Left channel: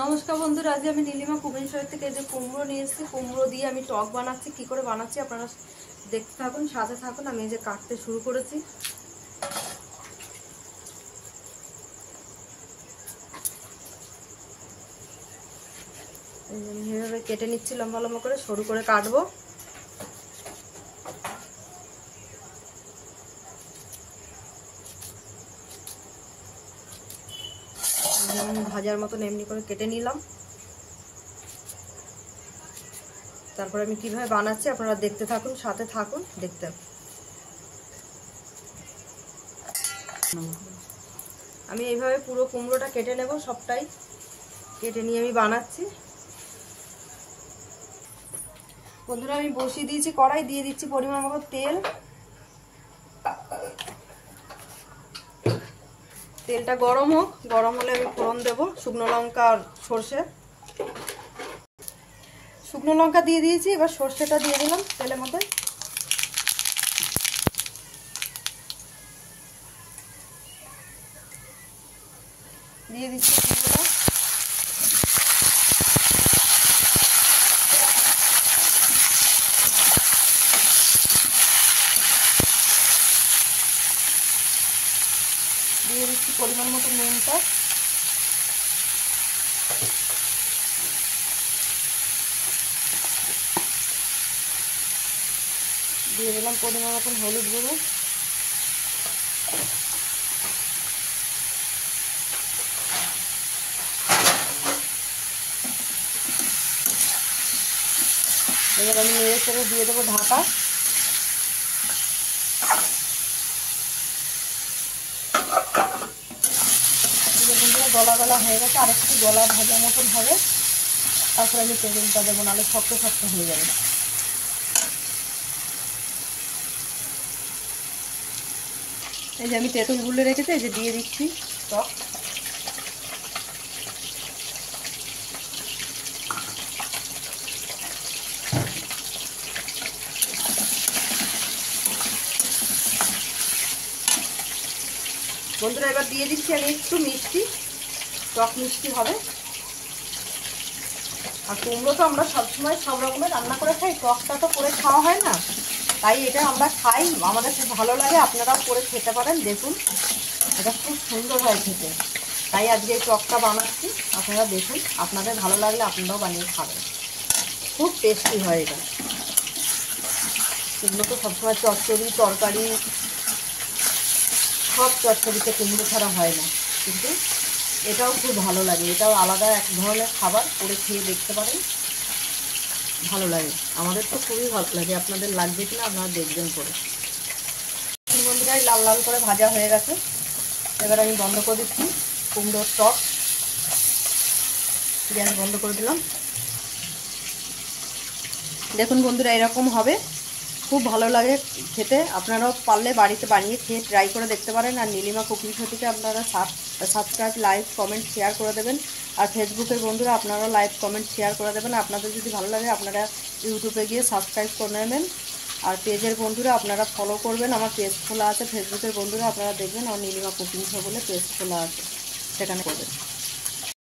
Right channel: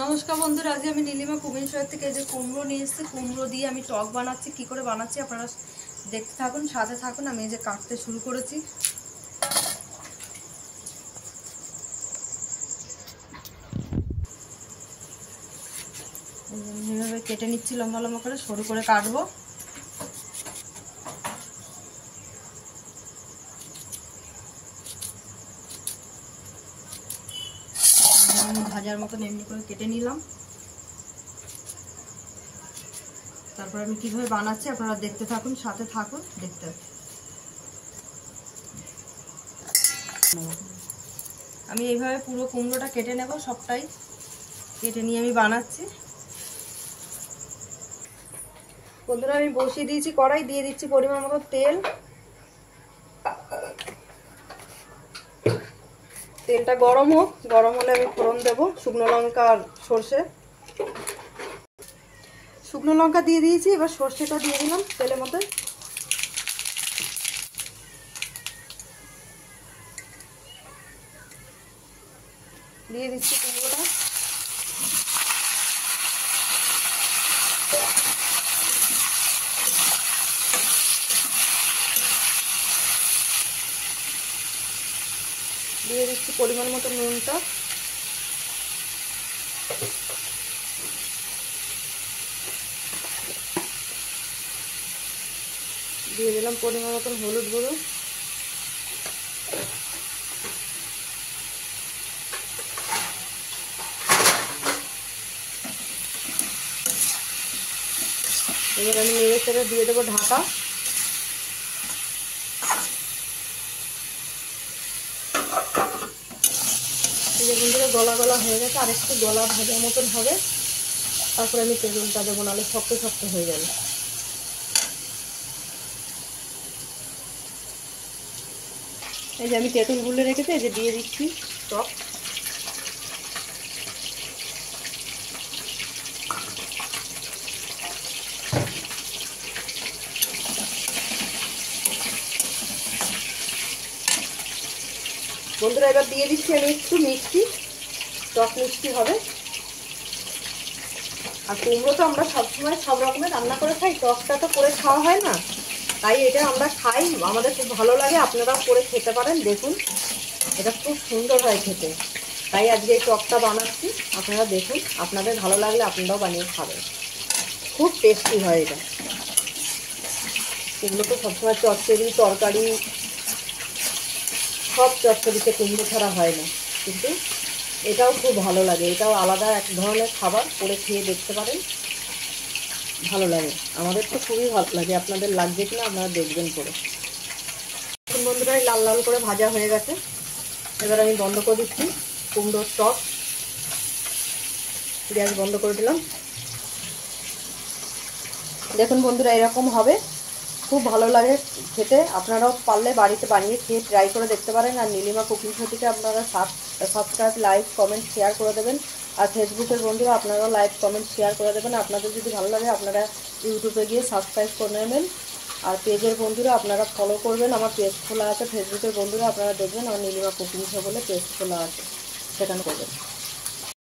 নমস্কার বন্ধুরা, আজ আমি নীলিমা কুকিং শো থেকে যে কুমড়ো নিয়ে এসেছি, কুমড়ো দিয়ে আমি টক বানাচ্ছি। কি করে বানাচ্ছি আপনারা দেখতে থাকুন, সাথে থাকুন। আমি এই যে কাটতে শুরু করেছি। এইভাবে কেটে নিচ্ছি, লম্বা লম্বা করে সরু করে কাটবো। ভাজার মতন এমনি করে কেটে নিলাম। তারপরে আমি কিভাবে বানাচ্ছি আপনারা দেখতে থাকুন, সাথে থাকুন। দেখতে আমি এইভাবে পুরো কুমড়োটা কেটে নেব, সবটাই কেটে নিয়ে আমি বানাচ্ছি। বন্ধুরা, আমি বসিয়ে দিয়েছি কড়াই, দিয়ে দিচ্ছি পরিমাণ মতো তেল। তেলটা গরম হোক, গরম হলে আমি ফোড়ন দেব শুকনো লঙ্কা আর সর্ষে। শুকনো লঙ্কা দিয়ে দিয়েছি, এবার সর্ষেটা দিয়ে দিলাম তেলের মধ্যে। দিয়ে দিচ্ছি কুমড়োটা। দিয়ে দিচ্ছি পরিমাণ মতো নুনটা। দিয়ে দিলাম পরিমাণ মতন হলুদ গুঁড়ো। এবার আমি নেড়ে চেড়ে দিয়ে দেবো ঢাকা। বন্ধুরা, গলা গলা হয়ে গেছে, আর একটু গলা ভাজা মতন হবে, তারপরে আমি তেঁতুলটা দেবো, নাহলে শক্ত শক্ত হয়ে যাবে। এই যে আমি তেঁতুল গুলে রেখেছি, এই যে দিয়ে দিচ্ছি টক। বন্ধুরা, এবার দিয়ে দিচ্ছি আমি একটু মিষ্টি, টক মিষ্টি হবে। আর কুমড়ো তো আমরা সবসময় সব রকমের রান্না করে খাই, টকটা তো করে খাওয়া হয় না, তাই এটা আমরা খাই, আমাদের খুব ভালো লাগে। আপনারা করে খেতে পারেন, দেখুন এটা খুব সুন্দর হয় খেতে। তাই আজকে এই টকটা বানাচ্ছি, আপনারা দেখুন, আপনাদের ভালো লাগলে আপনারাও বানিয়ে খাবেন। খুব টেস্টি হয় এটা। কুমড়ো তো সবসময় চচ্চড়ি, তরকারি, সব চচ্চড়িতে কুমড়ো ছাড়া হয় না, কিন্তু এটাও খুব ভালো লাগে। এটাও আলাদা এক ধরনের খাবার, করে খেয়ে দেখতে পারেন, ভালো লাগে। আমাদের তো খুবই ভালো লাগে, আপনাদের লাগবে কিনা আপনারা দেখবেন করে। বন্ধুরা, লাল লাল করে ভাজা হয়ে গেছে, এবার আমি বন্ধ করে দিচ্ছি কুমড়োর টক। গ্যাস বন্ধ করে দিলাম। দেখুন বন্ধুরা, এরকম হবে, খুব ভালো লাগে খেতে। আপনারাও পারলে বাড়িতে বানিয়ে খেয়ে ট্রাই করে দেখতে পারেন। আর নীলিমা কুকিং শোটিকে আপনারা সাবস্ক্রাইব, লাইক, কমেন্ট, শেয়ার করে দেবেন। আর ফেসবুকের বন্ধুরা আপনারাও লাইক, কমেন্ট, শেয়ার করে দেবেন। আপনাদের যদি ভালো লাগে আপনারা ইউটিউবে গিয়ে সাবস্ক্রাইব করে নেবেন। আর পেজের বন্ধুরা আপনারা ফলো করবেন, আমার পেজ খোলা আছে। ফেসবুকের বন্ধুরা আপনারা দেখবেন আমার নীলিমা কুকিং শো বলে পেজ খোলা আছে, সেখানে করবেন।